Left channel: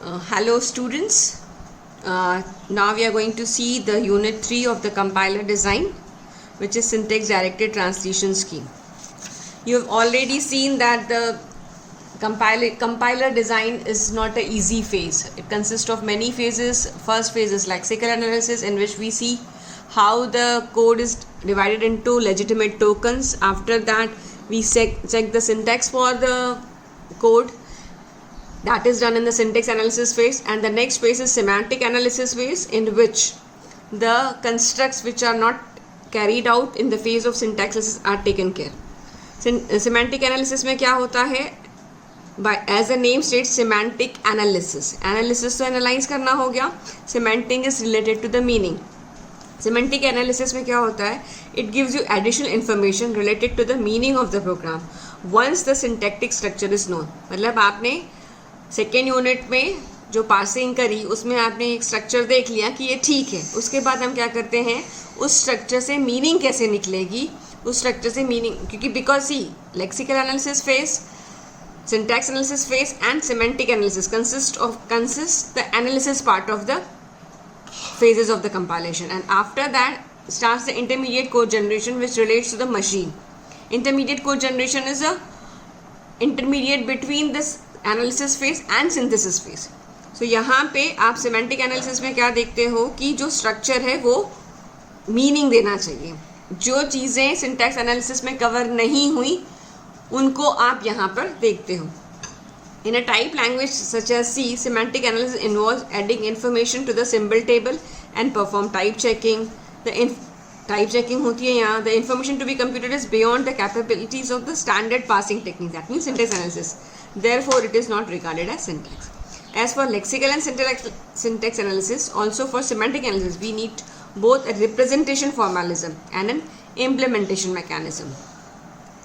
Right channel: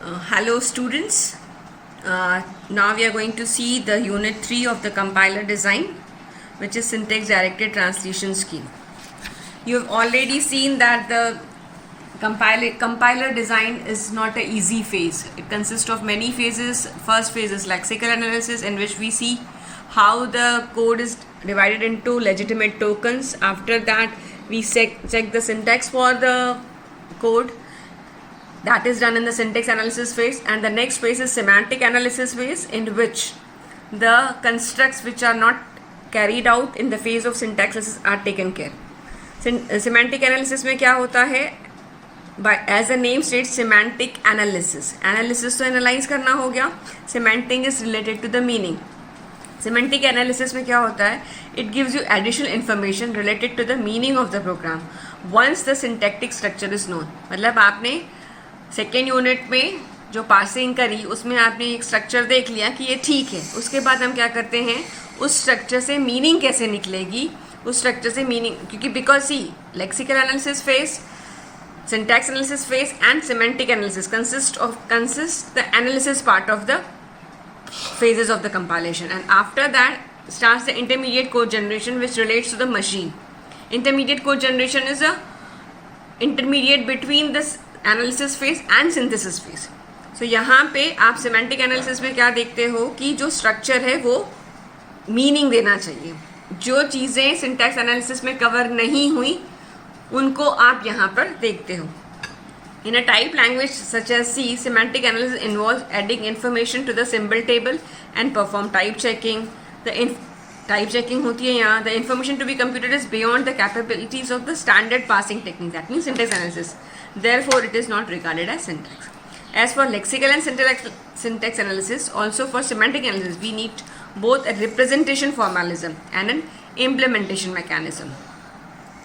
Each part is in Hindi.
Hello students, now we are going to see the unit 3 of the compiler design, which is syntax directed translation scheme. You have already seen that the compiler design is not an easy phase. It consists of many phases. First phase is lexical analysis, in which we see how the code is divided into legitimate tokens. After that, we check the syntax for the code. That is done in the syntax analysis phase, and the next phase is semantic analysis phase, in which the constructs which are not carried out in the phase of syntax analysis are taken care. Semantic analysis में क्या होता है? By as the name states, semantic analysis. Analysis तो analyze करना हो गया. Semantic is related to the meaning. Semantic analysis में क्या होता है? It gives you additional information related to the meaning of the program once the syntactic structure is known. मतलब आपने सेकेंड यूनिट में जो पार्सिंग करी उसमें आपने एक स्ट्रक्चर देख लिया कि ये ठीक है. उसके बाद हम क्या करते हैं, उस स्ट्रक्चर से मीनिंग कैसे निकलेगी, उस स्ट्रक्चर से मीनिंग, क्योंकि because see lexical analysis phase, syntax analysis phase and semantic analysis consists the analysis part of the phases of the compilation, and after that starts the intermediate code generation, which relates to the machine. Intermediate code generation is a intermediate between this analysis phase and synthesis phase. So यहाँ पे आप सिमेंटिक एनालिसिस में क्या देखते हो कि जो स्ट्रक्चर है वो मीनिंग देना चाहिए. जो चीज़ें सिंटैक्स एनालिसिस में कवर नहीं हुई उनको आप यहाँ पर देखते हो. In a type language such as C, semantic analysis involve adding information to the symbol table and perform type checking. Type checking होती है यहाँ. The information to be computed is beyond the capabilities of the standard passing technique, that means syntax analysis. Therefore, it is not regarded as syntax. As for lexical and syntax analysis, also for semantic analysis, we need both a representation formalism and an implementation mechanism.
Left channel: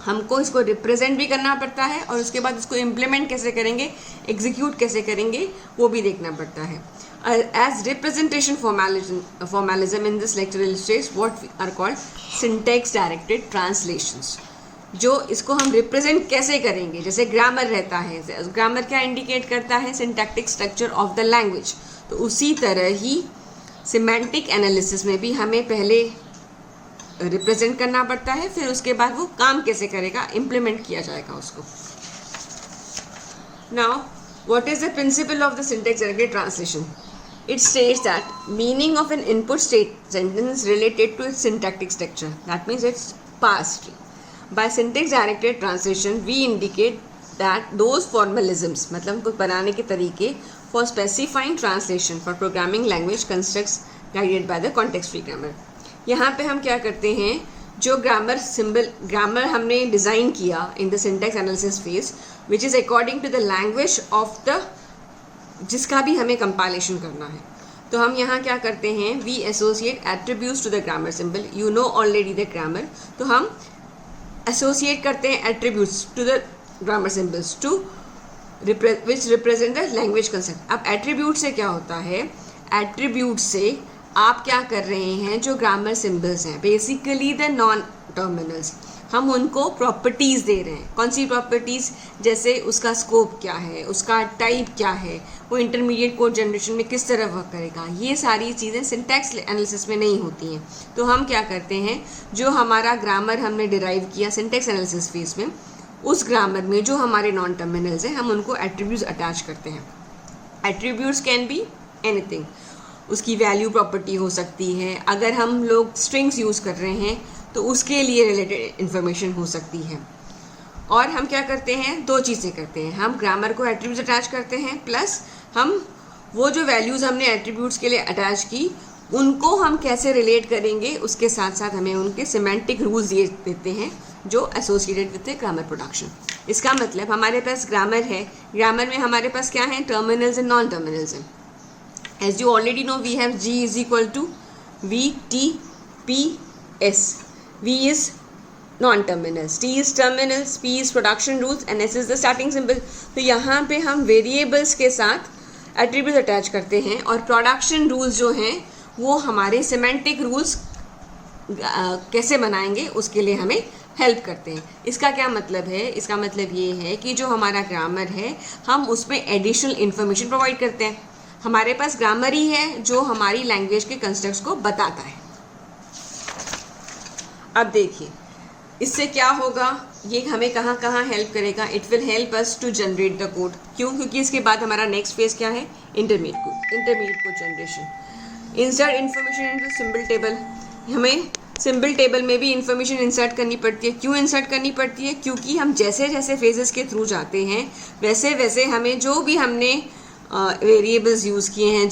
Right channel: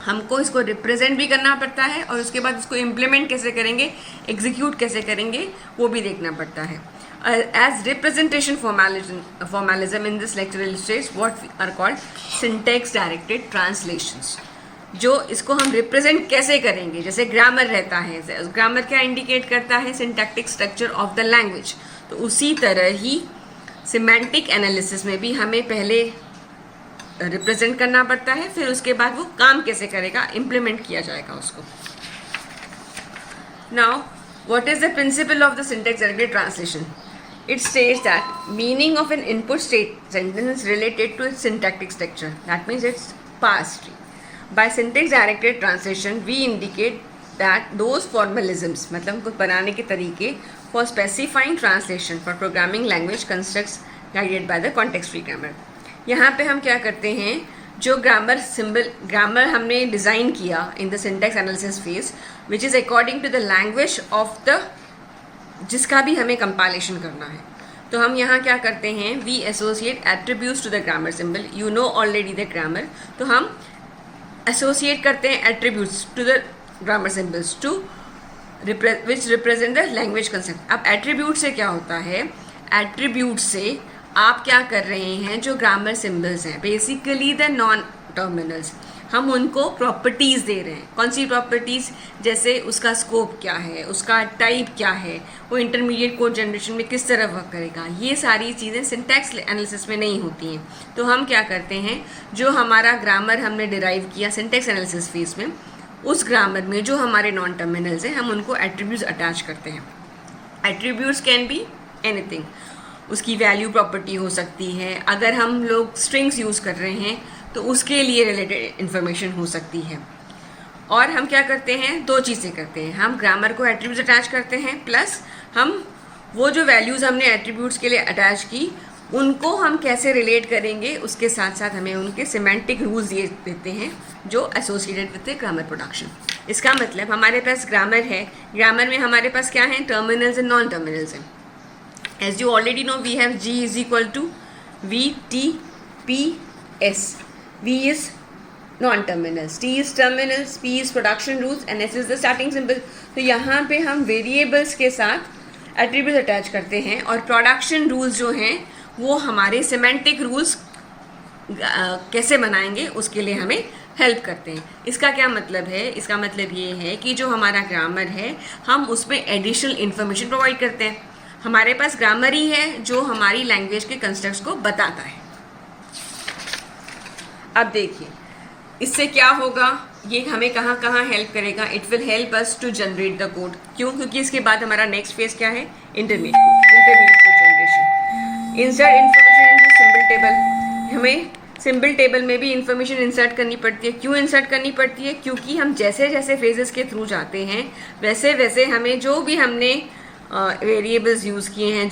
हमको इसको रिप्रेजेंट भी करना पड़ता है और उसके बाद इसको इम्प्लीमेंट कैसे करेंगे, एग्जीक्यूट कैसे करेंगे, वो भी देखना पड़ता है. As representation formalism in this lecture illustrates what are called syntax directed translations. जो इसको हम रिप्रेजेंट कैसे करेंगे, जैसे ग्रामर रहता है, ग्रामर क्या इंडिकेट करता है, syntactic structure of the language. तो उसी तरह ही सिमेंटिक एनालिसिस में भी हमें पहले रिप्रेजेंट करना पड़ता है, फिर उसके बाद वो काम कैसे करेगा, इम्प्लीमेंट किया जाएगा उसको. Now what is the principle of the syntax directed translation? It states that meaning of an input sentence is related to its syntactic structure. That means it's parsed. By syntax directed translation, we indicate that those formalisms, मतलब कुछ बनाने के तरीके, for specifying translation for programming language constructs guided by the context free grammar. यहाँ पे हम क्या करते हैं, जो ग्रामर हमने डिज़ाइन किया in the syntax analysis phase, which is according to the language of the जिसका भी हमें कंपाइलेशन करना है. तो हम यहाँ क्या करते हैं, we associate attributes to the grammar symbol. You know already the grammar. तो हम एसोसिएट करते हैं attributes to the grammar symbols to which represent the language concept. अब एट्रीब्यूट से क्या होता है, एट्रीब्यूट से आप क्या कर रहे हैं, जो ग्रामर सिंबल्स हैं बेसिकली द नॉन टर्मिनल्स, हम उनको प्रॉपर्टीज़ दे रहे हैं. कौन सी प्रॉपर्टीज़, जैसे उसका स्कोप क्या है, उसका टाइप क्या है, वो इंटरमीडिएट कोड जनरेशन में किस तरह वर्क करेगा, ये सारी चीज़ें सिंटैक्स एनालिसिस में नहीं होती हैं. तो हम क्या करते हैं, जो हमारा ग्रामर हमने डिराइव किया सिंटैक्स एनालिसिस फेज में, उस ग्रामर में जो हमारे नॉन टर्मिनल्स हैं हम उनको एट्रीब्यूट्स अटैच करते हैं. Attributes can be anything. उसकी वैल्यू प्रॉपर्टी हो सकती है, अगर हम लोग स्ट्रिंग्स यूज़ कर रहे हैं तो उसके लिए रिलेटेड इन्फॉर्मेशन हो सकती है. और हम क्या करते हैं, दो चीज़ें करते हैं, हम ग्रामर को एट्रीब्यूट्स अटैच करते हैं, प्लस हम वो जो वैल्यूज़ हमने एट्रीब्यूट्स के लिए अटैच की उनको हम कैसे रिलेट करेंगे, उसके साथ साथ हमें उनके सिमेंटिक रूल्स दिए देते हैं जो associated with the grammar production. इसका मतलब हमारे पास ग्रामर है, ग्रामर में हमारे पास क्या है, टर्मिनल्स एंड नॉन टर्मिनल्स हैं. As you already know, we have G is equal to VTPS. V is non-terminals, T is terminals, P is production rules and S is the starting symbol. तो यहाँ पे हम वेरिएबल्स के साथ एट्रीब्यूट अटैच करते हैं और प्रोडक्शन रूल्स जो हैं वो हमारे सिमेंटिक रूल्स कैसे बनाएंगे उसके लिए हमें हेल्प करते हैं। इसका क्या मतलब है? इसका मतलब ये है कि जो हमारा ग्रामर है हम उसमें एडिशनल इन्फॉर्मेशन प्रोवाइड करते हैं। हमारे पास ग्रामर ही है जो हमारी लैंग्वेज के कंस्ट्रक्ट्स को बताता है। अब देखिए इससे क्या होगा, ये हमें कहाँ कहाँ हेल्प करेगा। It will help us to generate the code. क्यों? क्योंकि इसके बाद हमारा नेक्स्ट फेज क्या है? Intermediate code generation. Insert information in symbol table. हमें सिंबल टेबल में भी इंफॉर्मेशन इंसर्ट करनी पड़ती है। क्यों इंसर्ट करनी पड़ती है? क्योंकि हम जैसे जैसे फेजेस के थ्रू जाते हैं वैसे वैसे हमें जो भी हमने वेरिएबल्स यूज़ किए हैं,